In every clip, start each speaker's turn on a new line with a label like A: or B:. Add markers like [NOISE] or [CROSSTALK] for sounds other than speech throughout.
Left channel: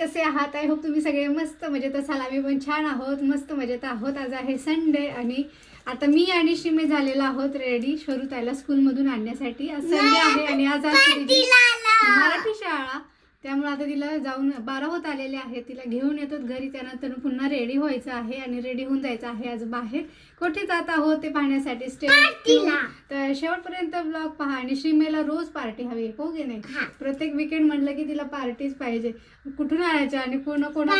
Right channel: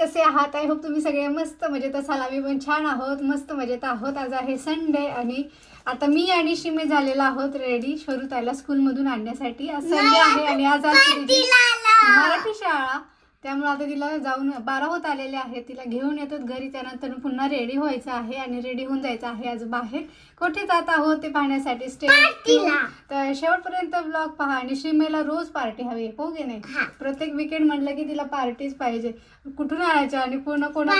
A: कसे आहात? I hope तुम्ही सगळे मस्त मजेत असाल. आम्ही पण छान आहोत मस्त मजेत आहोत. आज आहे संडे आणि आता मी आणि शिमे झालेलो आहोत रेडी शोरू ताईला स्कूलमधून आणण्यासाठी. आज संडे आहे आणि आज मराठी शाळा. त्यामुळे आता तिला जाऊन बारा होत आलेले आहेत. तिला घेऊन येतात घरी. त्यानंतर पुन्हा रेडी व्हायचं आहे आणि रेडी होऊन जायचं आहे आज बाहेर. कुठे जात आहोत ते पाहण्यासाठी स्टे तर शेवटपर्यंत ब्लॉग पहा आणि शिमेला रोज पार्टी हवी हो की नाही? प्रत्येक विकेंड म्हटलं की तिला पार्टीच पाहिजे. कुठून आणायचं आणि कोणा कोणा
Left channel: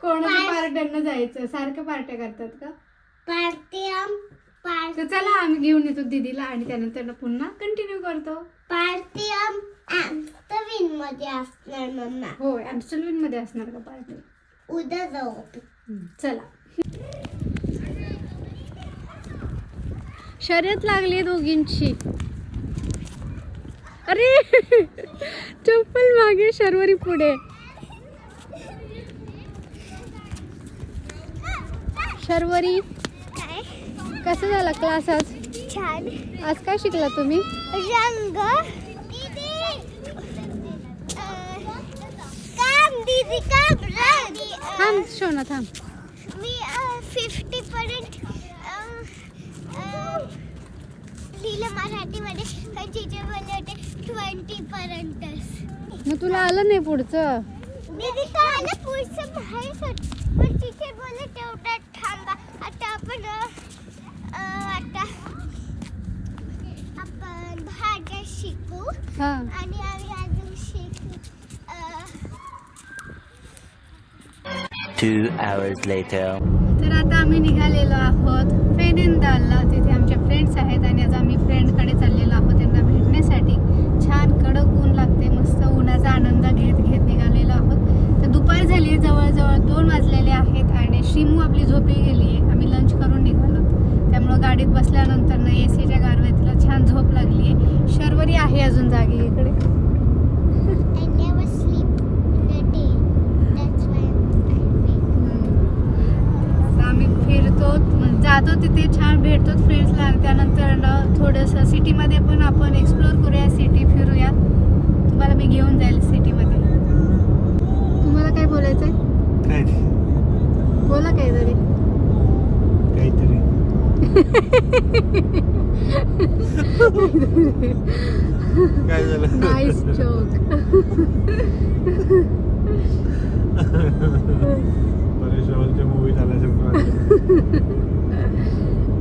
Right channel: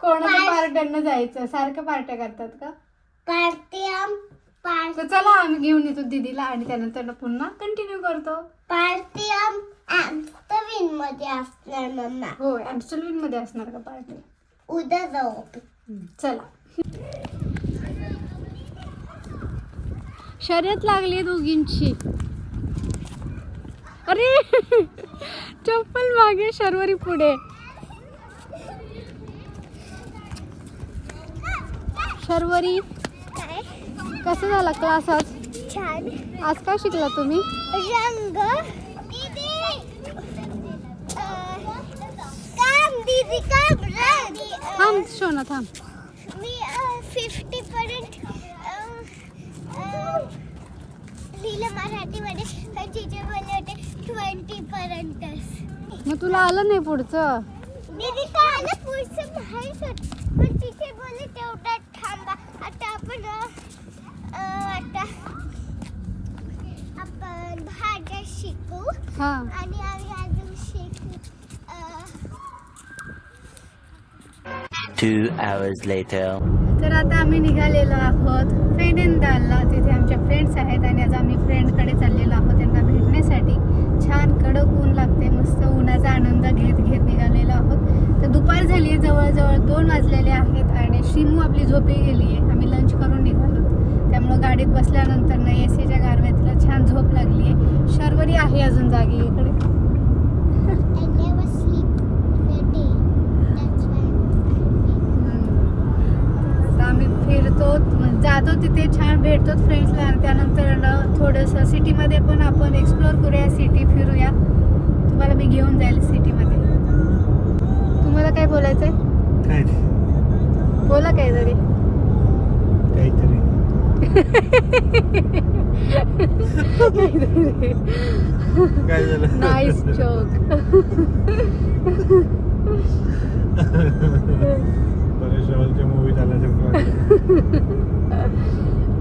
A: कोणाच्या पार्ट्यांना जायचं? सारखं पार्ट्या करतात का? तर चला आम्ही घेऊन येतो दीदीला आणि त्यानंतर पुन्हा कंटिन्यू करतो.
B: पार्टियम ॲम्स्टरविनमध्ये असणार मम्मा.
A: होय ॲम्स्टलविनमध्ये असणार का पार्टी?
B: उद्या जाऊ आपण.
A: चला. शर्यत लागली दोघींची. अरे चप्पल मागे शर्वरी पुढे. शर्वरी
B: काय?
A: कसं झाला क्लास आज?
B: छान.
A: आज काय शिकला तुम्ही?
B: रंग दीदी काम दीदी काम रंग
A: थांब शोना थांब.
B: मी फिफ्टी पर्यंत लिहिलं मराठीमध्ये बोलले होते ट्वेंटी पर्यंत
A: मग तुला आलं नाही पुढचं?
B: दीदी काय आलं पुढचं माहीत होत पण तिथे बोलले तेवढा थांबा. आता आपण आता आपण भाज्या शिकू
A: हा
B: आणि आम्ही अजून शिकू अ,
C: Two hours later.
A: तर आता आम्ही निघालेलो आहोत फेनेंदालला तिथे आमच्या फ्रेंड्स आहेत आणि आज आम्ही फ्रेंडकडे चाललेलो आहोत त्यांना भेटण्यासाठी. छान कडक ऊन लागते मस्त उन्हाचा आनंद घेत घेत निघालेलो आहोत. तर दुपार झाली आहे जवळजवळ दोन वाजलेले आहेत आणि शिमू आपली झोपी गेली आहे. आम्ही लंच करून निघालो. त्यामुळं गाडीत बसल्यानंतर ना ए सीच्या गारव्यात तिला छान झोप लागली आहे. शर्वरी आहे अजून जागी इकडे. फिरतो जातो तिथे छान भेटतो फ्रेंड्सला आणि त्यानंतर थोडंसं सिटीमध्ये पण आपण एक्सप्लोर करूया सिटी फिरूया. तुम्हाला मी घेऊन जाईल सिटीमध्ये तुम्हाला काय बोलायचं आहे? बोला काहीतरी.
D: काहीतरी.
A: नाईस जोक [LAUGHS]
D: परेश रावलच्या मूवी झाल्यासारखं.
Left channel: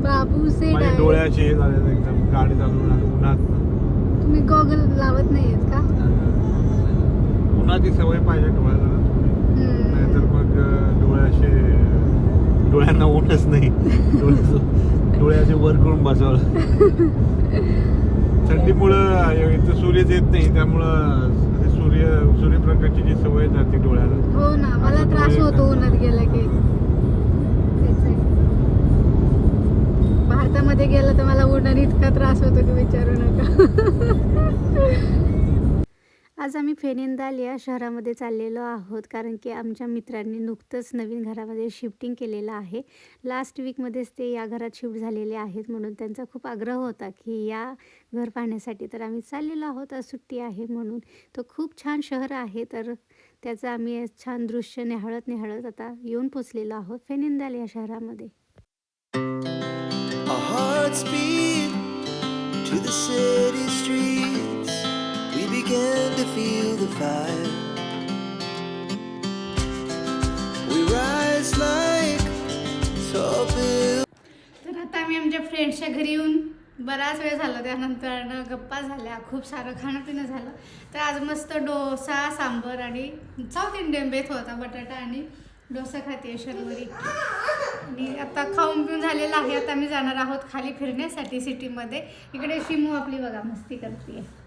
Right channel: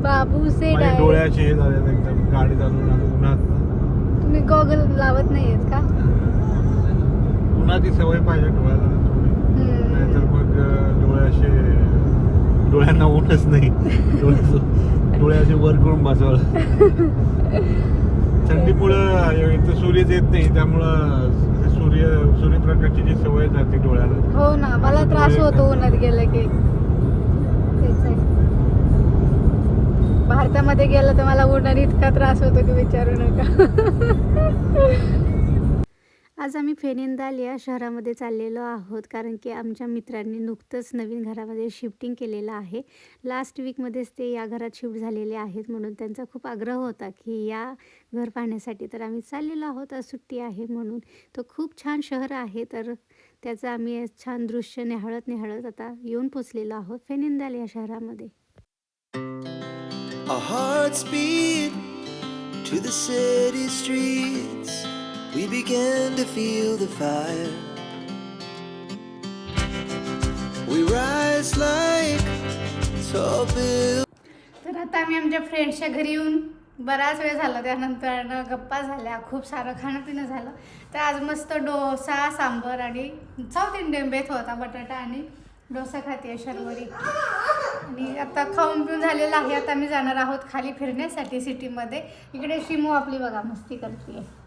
A: बाबू से
D: डोळ्याचे हे झाले एकदम गाडी चालवून आणि उन्हात.
A: तुम्ही गॉगल लावत नाहीयेत का?
D: उन्हाची सवय पाहिजे डोळ्याला. नाहीतर मग अं, डोळे असे डोळ्यांना ऊनच नाही. डोळे डोळे असे वर करून बसावं. [LAUGHS] थंडीमुळं इथं सूर्यच येत नाही त्यामुळं सूर्य सूर्यप्रकाशची जी सवय जाते डोळ्याला
A: हो ना मला
D: असं
A: त्रास
D: डोळे
A: होतो उन्हात गेलं की तेच आहे. भारतामध्ये गेलं तर मला उन्हाने इतका त्रास होतो की विचारू नका [LAUGHS] आज आम्ही फेनिंदाल या शहरामध्ये चाललेलो आहोत कारण की आमच्या मित्रांनी नुकतंच नवीन घरामध्ये शिफ्टिंग केलेलं आहे. लास्ट वीकमध्येच ते या घरात शिफ्ट झालेले आहेत म्हणून त्यांचा खूप आग्रह होता की या घर पाहण्यासाठी तर आम्ही चाललेलो आहोत आज सुट्टी आहे म्हणून. तो खूप छान शहर आहे तर त्याचं आम्ही छान दृश्य निहाळत निहाळत आता येऊन पोचलेलो आहोत फेनिंदाल या शहरामध्ये.
E: To the city streets. We began to feel the fire. We rise like tall buildings.
A: तर आता आम्ही आमच्या फ्रेंड्सच्या घरी येऊन बराच वेळ झाला. त्यानंतर गप्पा झाल्या. खूप सारं खाणं पिणं झालं. तर आज मस्त डोसा सांबर आणि साऊथ इंडियन बेत होता बटाटा आणि डोसा खाते शर्वरी आणि आता खाऊन पिऊन झालेलं आहे. आता आम्ही जाणार आहोत खाली फिरण्यासाठी सिटीमध्ये इकडे शिमू आपली बघा मस्ती करते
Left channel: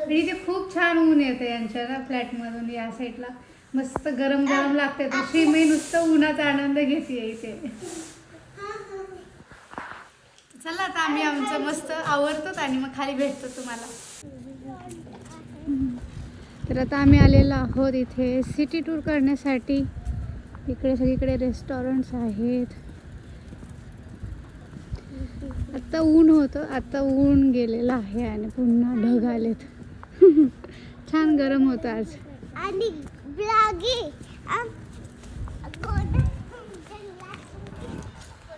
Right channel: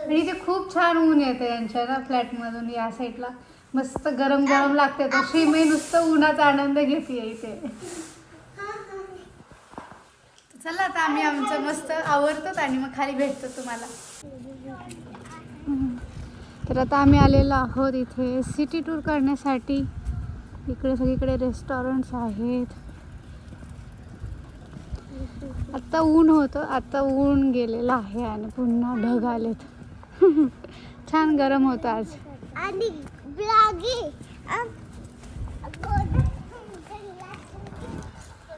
B: म्हणजे
A: इथे खूप छान ऊन येते यांच्या ना फ्लॅटमधून या साईडला मस्त गरम गरम लागते तर श्रीमयी नुसतं उन्हाचा आनंद घेते इथे. चला आता आम्ही आमचं मस्त आवडतो आणि मग खाली भेटतो तुम्हाला. तर आता आम्ही आलेलो आहोत इथे सिटी टूर करण्यासाठी. इकडे सगळीकडे रेस्टॉरंट्स आहेत. आता ऊन होतं आता ऊन गेलेलं आहे आणि पुन्हा ढग आलेत. [LAUGHS] छान गरम होतं आज.
B: आणि ब्लागी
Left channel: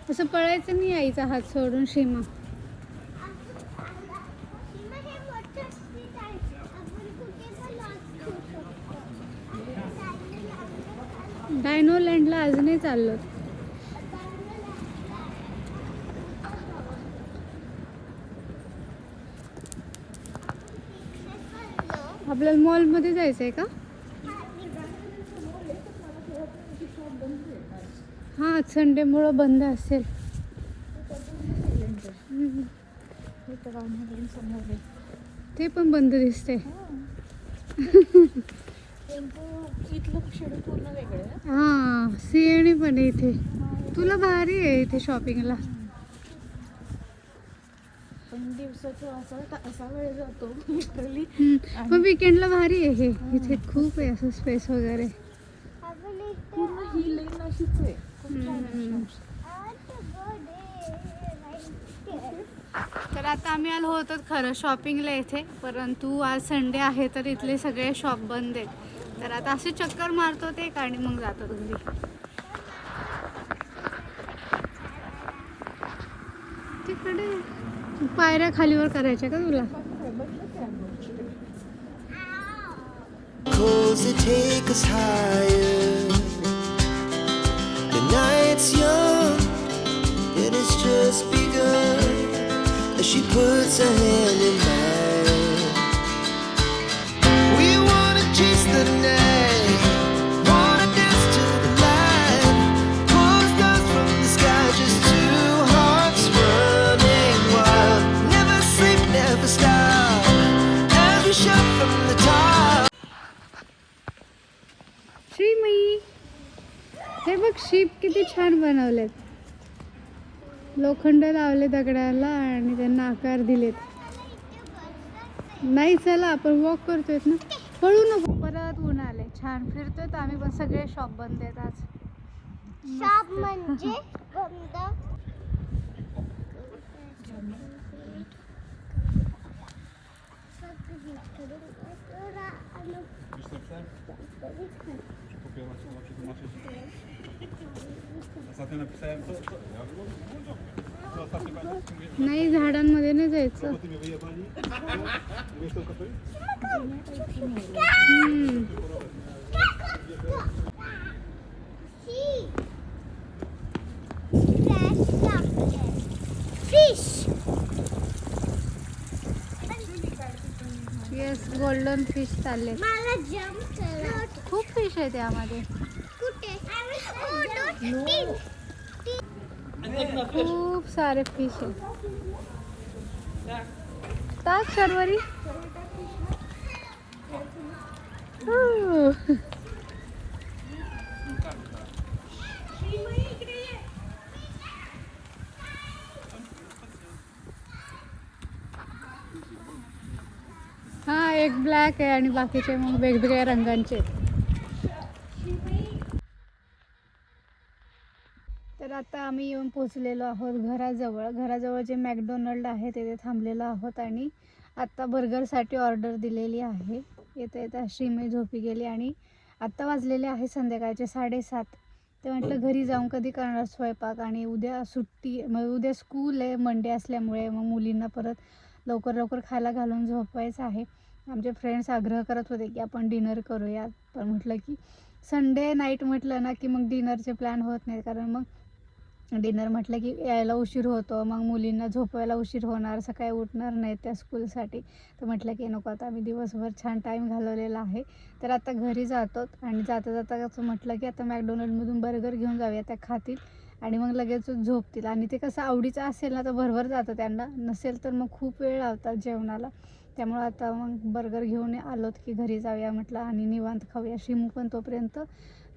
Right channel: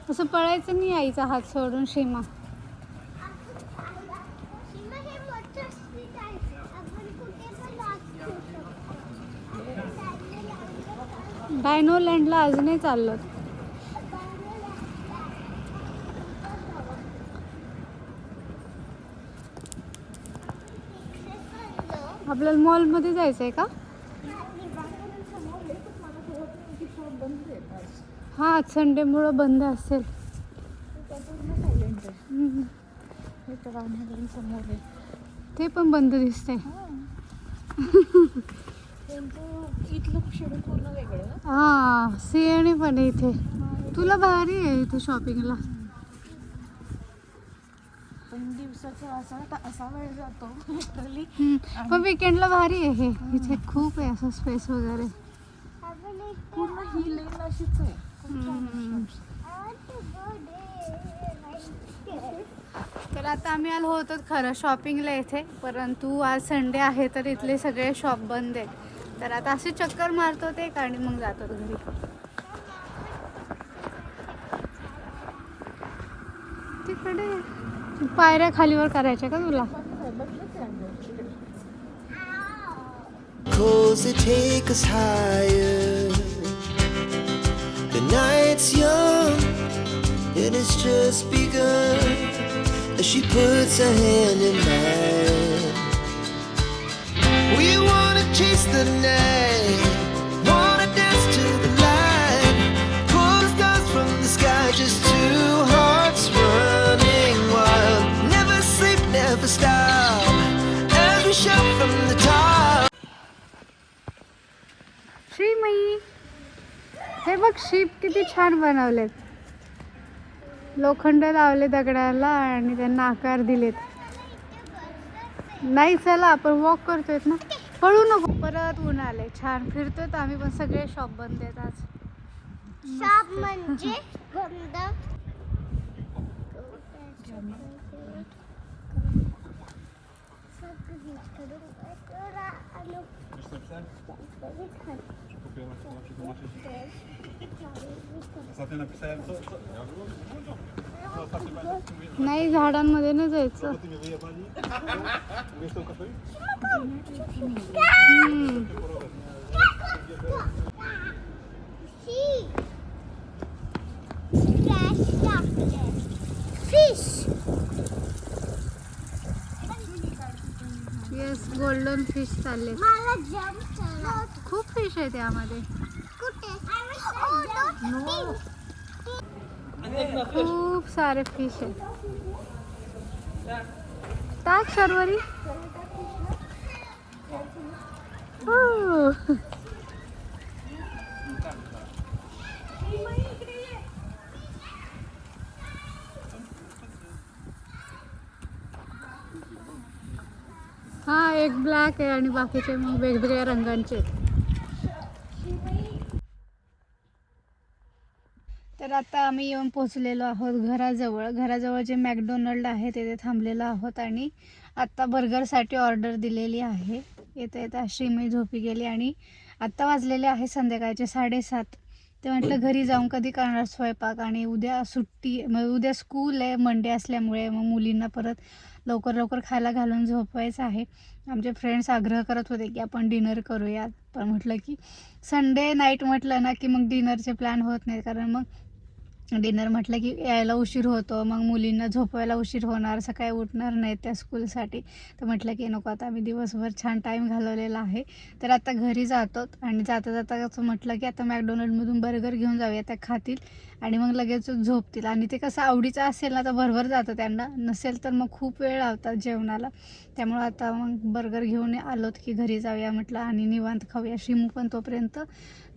A: असं पळायचं नाही आईचा हात सोडून सीमा. डायनो लँडला आज नाही चाललो. आपल्याला मॉलमध्ये जायचं आहे का? हा संडेमुळं बंद असेल. ते पण बंद दिसते हा सिंहणी पण आहे इथे. तुला भारी आहे इथे शॉपिंगला. पण विकेंडला भारी आहे हे. इथे खूप आहे असं स्पेस वगैरे.
F: ही आहे.
A: तर आता आम्ही आलो होतो खरं शॉपिंगला इथे. परंतु आज संडे आहे तर इथले सगळे शॉप बंद आहेत. तर आता असे चक्कर मारतो ते आणि मग जातो घरी तिकडे पायऱ्या खालीवर करायच्या का तुला
E: Cause it takes us higher. The night's young and it's just begun. As she puts her hand in mine.
A: हे बघ शिप किती छान बनवलेत. लोखंड लावले दगडाला आणि त्यांना आकार दिलेत. नाही चला आपण वॉक करतोय ना? पळू नको परत ऊन आले छान. फिरतोय तर आम्ही पण. सगळे शॉप बंद आहेत आज.
B: शॉप म्हणजे [LAUGHS] बंद.
A: नाही झाडांमध्ये नाही जायचं. हम्म.
B: फिश
A: येस गोल्डन फिश चालले खूप फिश आहे त्यामध्ये खूप सारे फिश आहेत. टाक सर्वरी हा एक ब्लॅक आहे आणि बाकीचे मग वेगवेगळ्या रंगांचे तर आता आम्ही येऊन पोचलेलो आहोत घराजवळ. घराजवळ जे मॅकडोनल्ड आहे तिथे थांबलेलो आहोत आणि आत्ता बर्गरसाठी ऑर्डर दिलेली आहे. येता येता श्रीमयी झोपी गेली आणि आत्ता वाजलेले आहे संध्याकाळचे साडेसात. ते म्हटलं घरी जाऊन कधी करणार स्वयंपाक आणि उद्या सुट्टी मग उद्या स्कूल आहे मंडे असल्यामुळे मग मुलींना परत लवकर लवकर खायला घालून झोपवायचं आहे. आमचे फ्रेंड्स आग्रह करत होते की आपण डिनर करूयात. पण म्हटलं की संडे नाईट म्हटलं ना की मग डिनरचे प्लॅन होत नाही कारण मग डिनर म्हटलं की यायला उशीर होतो मग मुलींना झोपवायला उशीर होणार सकाळी उठणार नाहीत त्या स्कूलसाठी. तर म्हटलं की नको आता आम्ही दिवसभर छान टाईम घालवलेला आहे. तर आता घरी जातो आणि जाता जाता असं म्हटलं की आता मॅकडोनल्डमधून बर्गर घेऊन जाऊया त्या खातील. आणि मग लगेच झोपतील. आणि ते कसं आवडीचं असेल ना तर भरभर जातं त्यांना. नसेल तर मग खूप वेळ लावतात जेवणाला. त्यामुळं आता मग बर्गर घेऊन आलोत की घरी जाऊया म्हटलं आणि निवांत खाऊया. शिमू पण तोपर्यंत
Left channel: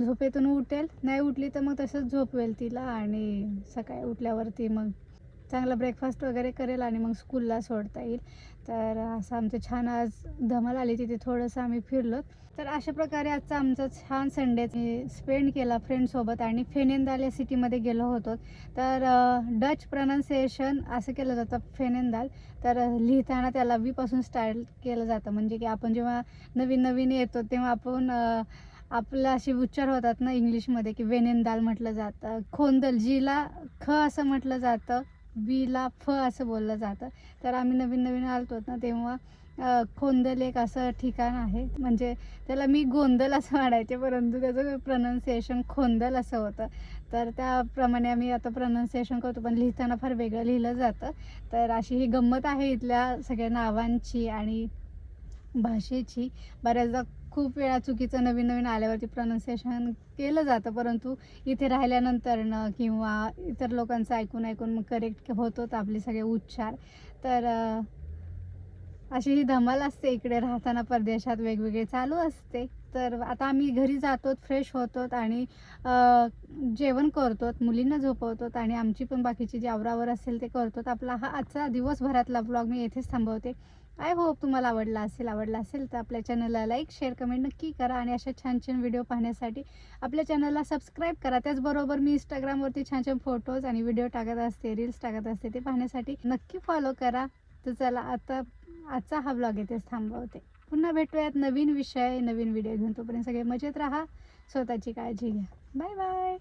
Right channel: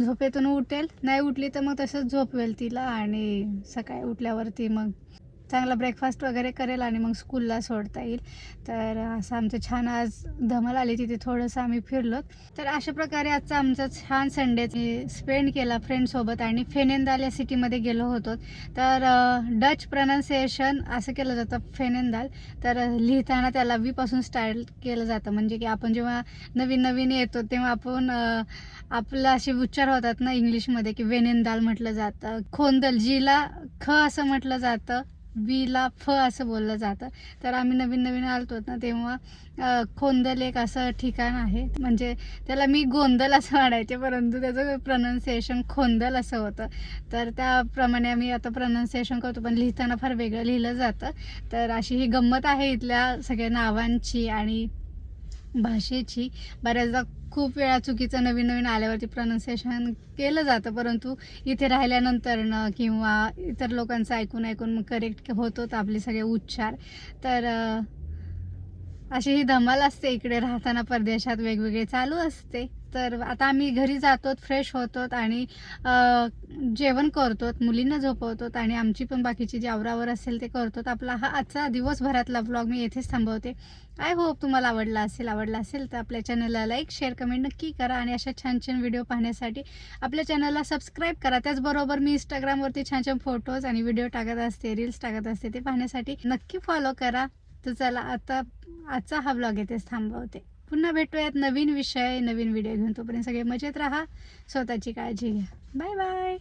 A: झोपेतून उठेल. नाही उठली तर मग तसंच झोपवेल तिला आणि सकाळी उठल्यावरती मग चांगला ब्रेकफास्ट वगैरे करेल आणि मग स्कूलला सोडता येईल. तर असं आमचं छान आज धमाल आली तिथे थोडंसं आम्ही फिरलो. तर अशा प्रकारे आजचा आमचा छान संडे स्पेंड केला फ्रेंडसोबत आणि फेनेंदाल या सिटीमध्ये गेलो होतो. तर डच प्रनाउन्सिएशन असं केलं जातं फेनेंदाल तर लिहिताना त्याला वीपासून स्टार्ट केलं जातं. म्हणजे की आपण जेव्हा नवीन नवीन येतो तेव्हा आपण आपलं असे उच्चार होतात ना इंग्लिशमध्ये की वेनेंदाल म्हटलं जातं. खोंदल जीला ख असं म्हटलं जातं. बीला फ असं बोललं जातं. तर आम्ही नवीन नवीन आलतो ना तेव्हा खोंदल एक असं ठिकाण आहे. म्हणजे त्याला मी गोंदल असं म्हणायचे परंतु त्याचं प्रनाऊन्सिएशन खोंदल असं होतं. तर त्याप्रमाणे आम्ही आता प्रनाऊन्सिएशन करतो पण लिहिताना फार वेगळं लिहिलं जातं. तर अशी ही गंमत आहे इथल्या सगळ्या नावांची आणि भाषेची बऱ्याचदा खूप वेळा चुकीचं नवीन नवीन आल्यावरती प्रनाऊन्सिएशन केलं जातं परंतु इथे राहिल्यानंतरनं किंवा इतर लोकांचं ऐकून ऐकून मग करेक्ट होतोच आपले सगळे उच्चार. तर अशी ही धमाल असते इकडे राहताना परदेशात वेगवेगळे चालू असते. तर आता आम्ही घरी जातो फ्रेश होतो आणि जेवण करतो मुलींना झोपवतो आणि आमची पण बाकीची जी आवरावर असेल ते करतो आपला हा आजचा दिवसभरातला ब्लॉग मी येथेच थांबवते. आय होप तुम्हाला आवडला असेल आवडला असेल तर आपल्या चॅनलला लाईक शेअर कमेंट नक्की करा आणि अशा छान छान व्हिडिओ पाहण्यासाठी आपल्या चॅनलला सबस्क्राईब करा. त्याचबरोबर मी इंस्टाग्रामवरती छान छान फोटोज आणि व्हिडिओ टाकत असते रील्स टाकत असते ते पाहण्यासाठी नक्की फॉलो करा. तर चला आता आजचा हा ब्लॉग येथेच थांबवते. पुन्हा भेटूयात नवीन विषय नवीन व्हिडिओ घेऊन. तोपर्यंत सगळे मजेत राहा. स्वतःची काळजी घ्या. Bye bye